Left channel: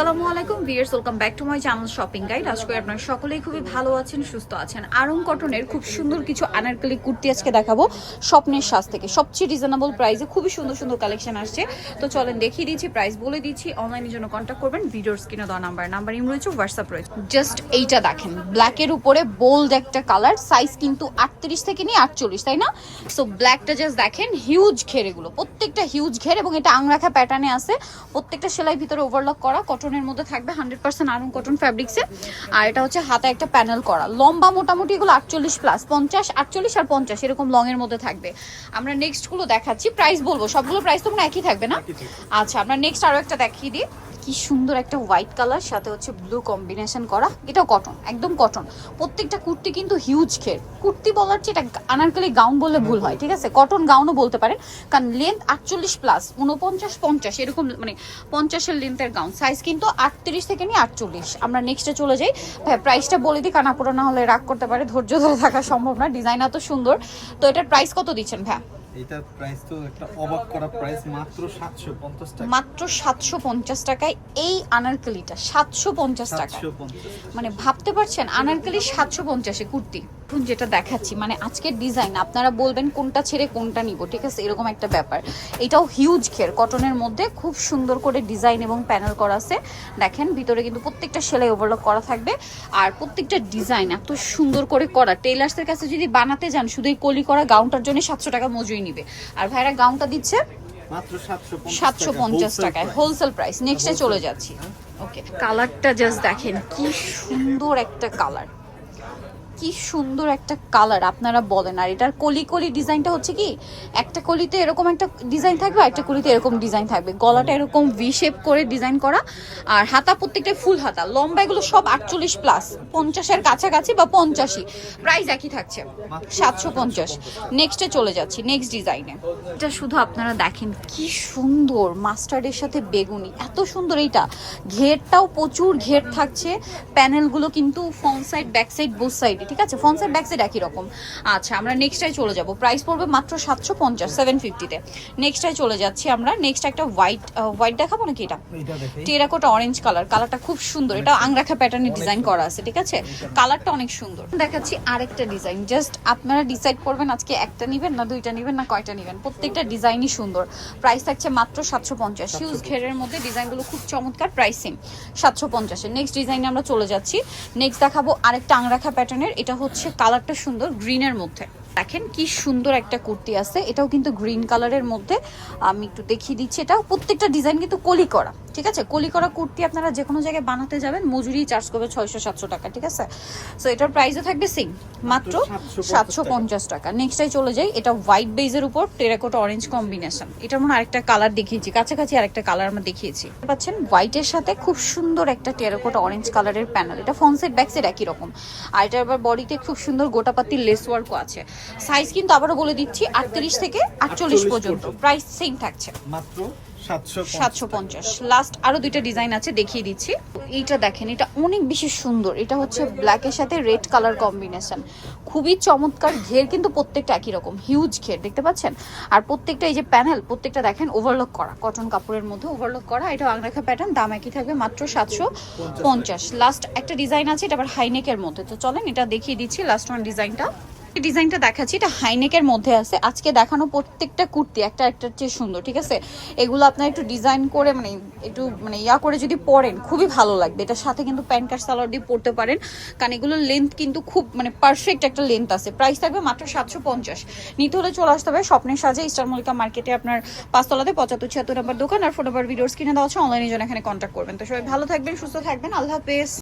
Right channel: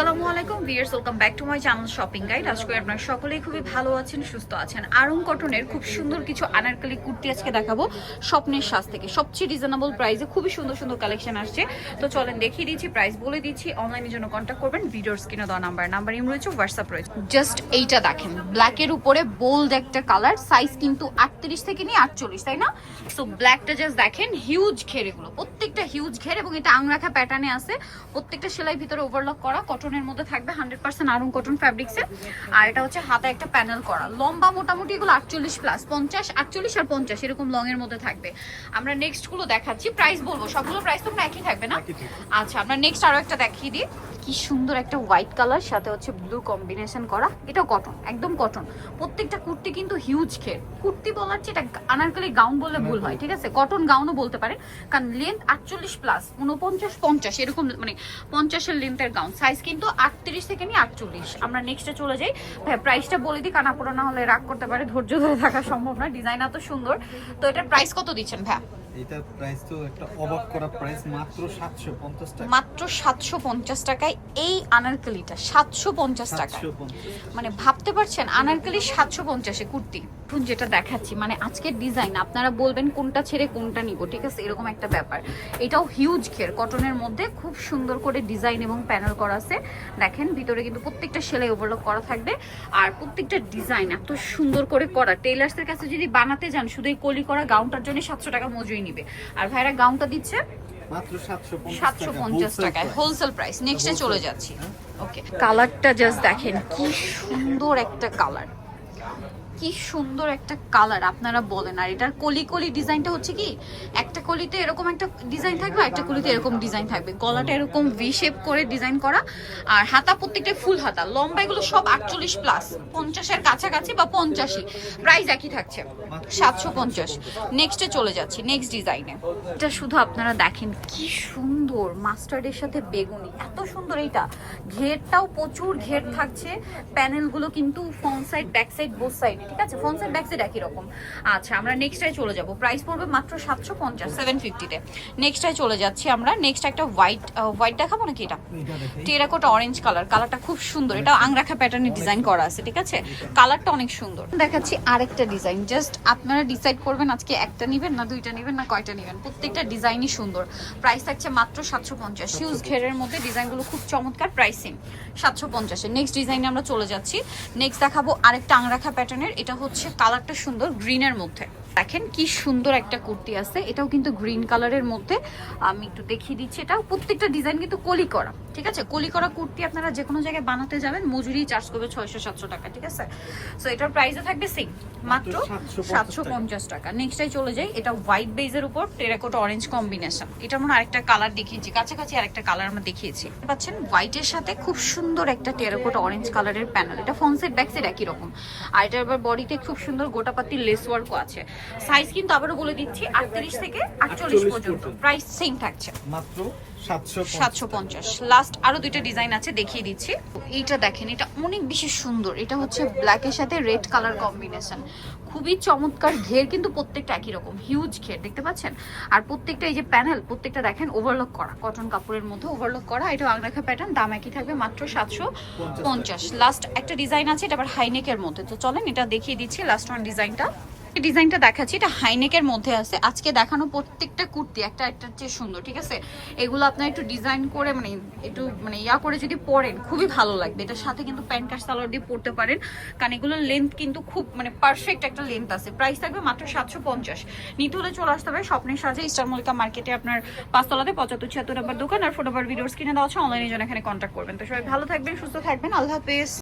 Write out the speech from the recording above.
আসসালামু আলাইকুম viewers welcome back to my channel shopping guide আজকে আপনারা সকলেই খুবই ভালো আছেন, সুস্থ আছেন। আরং কটনের খুব সুন্দর কিছু আনারকলি কুর্তি আজকে দেখাবো স্বপ্নের সাজ থেকে। সবচেয়ে রিজনেবল প্রাইসে খুবই সুন্দর সুন্দর কালেকশন আসছে। তো চলেন দেখিয়ে দিচ্ছি প্রাইস বলে দিচ্ছি। অনলাইনের জন্য কন্ট্যাক্ট করবেন ভিডিওর স্ক্রিনে দেওয়া নাম্বার নাম্বার ইম রয়েছে হোয়াটসঅ্যাপ রয়েছে। জাস্ট এইটা দেখেন ব্ল্যাকের উপরে বোল্ড একটা কালার সাইজ কিন্তু আটত্রিশ থেকে নিয়ে আটচল্লিশ, তাই না? সো ব্ল্যাকটা জাস্ট দেখেন হিউজ ঘের এগুলো। প্রত্যেকটা হিউজ ঘের এবং এটা আংরাখা প্যাটার্নে আছে। প্রত্যেকটা সেলাই ভিতরে ওভারলক করা কটনের মধ্যে থাকবে হান্ড্রেড পার্সেন্ট আরং কটন ফ্যাব্রিক্সে আর এটা হচ্ছে হাতে একটা প্যানেল করা। লম্বা মোটামুটি এগুলো আটচল্লিশ প্লাস পঞ্চাশ আটচল্লিশ আর পঞ্চাশ এরকম লং এর মধ্যে থাকবে। আমরা নেক্সটগুলো দেখাচ্ছি। প্রাইস বলব সবগুলো প্রাইস তো একই থাকবে না? আচ্ছা আমরা নেক্সট আরও একটা দেখিয়ে দিই। কি সুন্দর একটা হোয়াইট কালার সাথে হচ্ছে ব্লু কম্বিনেশন করা। এটাও কটন একদম কটন প্রত্যেকটা কুর্তি কিন্তু হিউজ খের কুর্তি বলার চেয়ে এটা আনারকলি গাউন বললে ভুল হয়, ঠিক আছে? কটন গাউনও বলতে পারে কারণ লেন্থ আটচল্লিশ প্লাস উনপঞ্চাশ পঞ্চাশ, এরকম মানে পঞ্চাশের লেন্থের গাউন সাইজ কিন্তু আটত্রিশ থেকে নিয়ে আটচল্লিশ। আমরা নেক্সটে চলে যাই। ভাই প্রাইসটা বলে দিই, কানাপুরো না হলে রাগ করতে পারে, ধৈর্য ধরে থাকা সম্ভব না। ডিজাইন এত সুন্দর। তো এটার প্রাইস কত দিচ্ছেন ভাই এটার প্রাইস তো একটা অবাক করা প্রাইস মাত্র সাতশো পঞ্চাশ টাকা। মাত্র সাতশো পঞ্চাশ টাকায় এই আনারকলিটা সাতশো পঞ্চাশ টাকায়। মানে ভাবতে পারছেন আনারকলি সাতশো পঞ্চাশে কুর্তি। এখন যেটা দেখাচ্ছি মানে আজকের ডিজাইন আপনারা বলবেন কোনটা ছেড়ে কোনটা নিব ঠিক আছে? এরকম একটা ব্যাপার। এটাও হিউজ ঘের কটনের মধ্যে খুব সুন্দর করে ডিজাইন এবং প্যানেল করা আছে। দেখেন ভিতরে কিন্তু প্রত্যেকটা সেলাই ওভারলক করা থাকবে। আর প্রত্যেকটা ডিজাইন এত সুন্দর করে করা। টেইলার্সের কাছে যদি বানাতে যান শুধু এই কলি করা গাউনটার জন্য সাতশো টাকা মজুরি নিবে। আর ভাইরা গাউনটা দিচ্ছে মাত্র সাতশো পঞ্চাশ টাকায়। হোলসেল প্রাইস নেক্সটে চলে যাচ্ছি? ওকে কালারটা জাস্ট দেখেন কি সুন্দর একটা কালার কি সুন্দর একটা কালার আপনারা বলেন। আর এটার কলি কলি ডিজাইনটা হচ্ছে কি, একটা কলিতে এরকম একটা ডিজাইন থাকবে একটা কলিতে এরকম ডিজাইন থাকবে। গলাটা এরকম ভি শেপ করে ডিজাইন করা, আর হাতা প্রত্যেকটা ফুল হাতা। লম্বা এগুলো সব আটচল্লিশ প্লাস পঞ্চাশের কাছাকাছি বা পঞ্চাশি প্রাইস একই থাকছে, সাতশো পঞ্চাশ। নেক্সটে চলে যাচ্ছি নেক্সট ডিজাইনে এটা শুধু আপনারা দেখেন, কি সুন্দর মাস্টার্ডের সাথে বেগুনি, এত সুন্দর এইটা। ঘেরটাও প্রচুর ঘের থাকছে প্যানেলগুলো কিন্তু front side back side both সাইডে ঠিক আছে? সাইড ব্যাক সাইড একই রকম। আচ্ছা আমরা নেক্সটাই চলে যাব। প্রাইস পড়বে মাত্র সাতশো পঞ্চাশ সেভেন ফিফটিতে নেক্সটাই চলে যাচ্ছি আমরা। নেক্সট একটা হোয়াইট হোয়াইট দেখাবো নাকি এটা? টেরাকোটা অরেঞ্জ কালার কালারটা খুব সুন্দর। এটা আংরাখা প্যাটার্নে ডিজাইন করা আছে ঠিক আছে? কালারটা অনেক সুন্দর। দেখাচ্ছি আরেকটা ডিজাইন জাস্ট আপনারা ডিসাইড করবেন আজকে একটা নেবেন না দুইটা নেবেন না কয়টা নেবেন। প্রত্যেকটা ডিজাইনই সুন্দর। প্রাইস থাকছে মাত্র সাতশো পঞ্চাশ। হিউজ ঘেরের মধ্যে ডিজাইনগুলো খুব চমৎকার। প্রাইস সেম সাতশো পঞ্চাশে। নেক্সট ডিজাইনে আমরা চলে যাচ্ছি। নেক্সট দেখাবো আরেকটা আংরাখা প্যাটার্নের এটা হচ্ছে কালারটা সুন্দর গ্রিনের মধ্যে। দেখেন কি সুন্দর একটা কুর্তি আছে। এটাও কিন্তু গ্রিন কালারের মধ্যে। আমি একটু দেখিয়ে দিচ্ছি। এটাও প্রত্যেকটা ডিজাইন কিন্তু কলি করা ঠিক আছে? কলি করা কুর্তি আপনারা যে কোনো জায়গায় বানাতে যাবেন মজুরি চার্জ করবে ছয়শো সাতশো টাকা ঠিক আছে? সো এটার প্রাইসও থাকবে সেম মাত্র মাত্র 750 সাতশো পঞ্চাশ টাকা। নেক্সটাই চলে যাই। এটা হোয়াইট বেজের উপর টেরাকোটা অরেঞ্জ কম্বিনেশন এটার মনে আরেকটা কালার দেখিয়েছি। কাছাকাছি আরেকটা কালার আমরা দেখিয়েছি। পাচ্ছেন হোয়াইটের সাথে খুব সুন্দর একটা টেরাকোটা অরেঞ্জ কালারের প্যানেল এটা ব্যাক সাইড একই রকম। আর এটা আবার বডিতে খুব সুন্দর গোটাপাতি লেস ওয়ার্কও আছে। সাইজ কিন্তু আবারও বলে দিচ্ছি আটত্রিশ থেকে আটচল্লিশ পর্যন্ত। প্রাইস সেম থাকছে। মাত্র সাতশো পঞ্চাশ। লাস্ট আরও দুইটা ডিজাইন আছে দেখিয়ে দিচ্ছি। এইটা দেখেন এটা অনেক বেশি সুন্দর। এটা হচ্ছে ব্ল্যাকের সাথে রেড কালার কম্বিনেশন খুবই চমৎকার ঘের কিন্তু প্রত্যেকটা একই রকম। হিউজ ঘের দেখতে পাচ্ছেন? আর প্রত্যেকটা এই যে প্যানেল প্রত্যেকটা দেখেন ওভারলক করা। কটন কাপড়ের মধ্যে ওভারলক করা। এটা আংরাখা প্যাটার্ন দাম একই থাকবে মাত্র সাতশো পঞ্চাশ। লাস্ট একটা ডিজাইন আছে এটা আবার হাইনেকের মধ্যে। তো চলেন এটা দেখিয়ে দিচ্ছি লাস্ট ওয়ান ডিজাইনটা ডিজাইনটা দেখাচ্ছি, এটা হাইনেকের মধ্যে আছে। আজকে দেখানো প্রত্যেকটা কুর্তি, একটা একটা চেয়ে সুন্দর, ঠিক আছে? এগুলো আপনার একটু ডিজাইন করে মানে একটু মানে ইয়া করে যদি পরেন, খুবই ভালো লাগবে। এটার সাথে কিন্তু প্যান্ট কার্ড সালোয়ার দিয়ে পরতে পারেন। কারণ এগুলোর লেন্থ কিন্তু খুব মানে পারফেক্ট একটা লেন্থ আছে। প্রাইস থাকবে মাত্র সাতশো পঞ্চাশ। নিতে হলে চলে আসতে হবে স্বপ্নের সাজে স্টার মল্লিকা মার্কেটে, আপনার পাঁচতলাতে, পঁচাত্তর ছিয়াত্তর নাম্বার দোকান, আর ফোন নাম্বার ভিডিওস কিনে দেওয়া আছে অনলাইনে জন্য এখানে কন্ট্যাক্ট করবেন। তো সবাই ভালো থাকবেন, সুস্থ থাকবেন, আল্লাহ হাফেজ।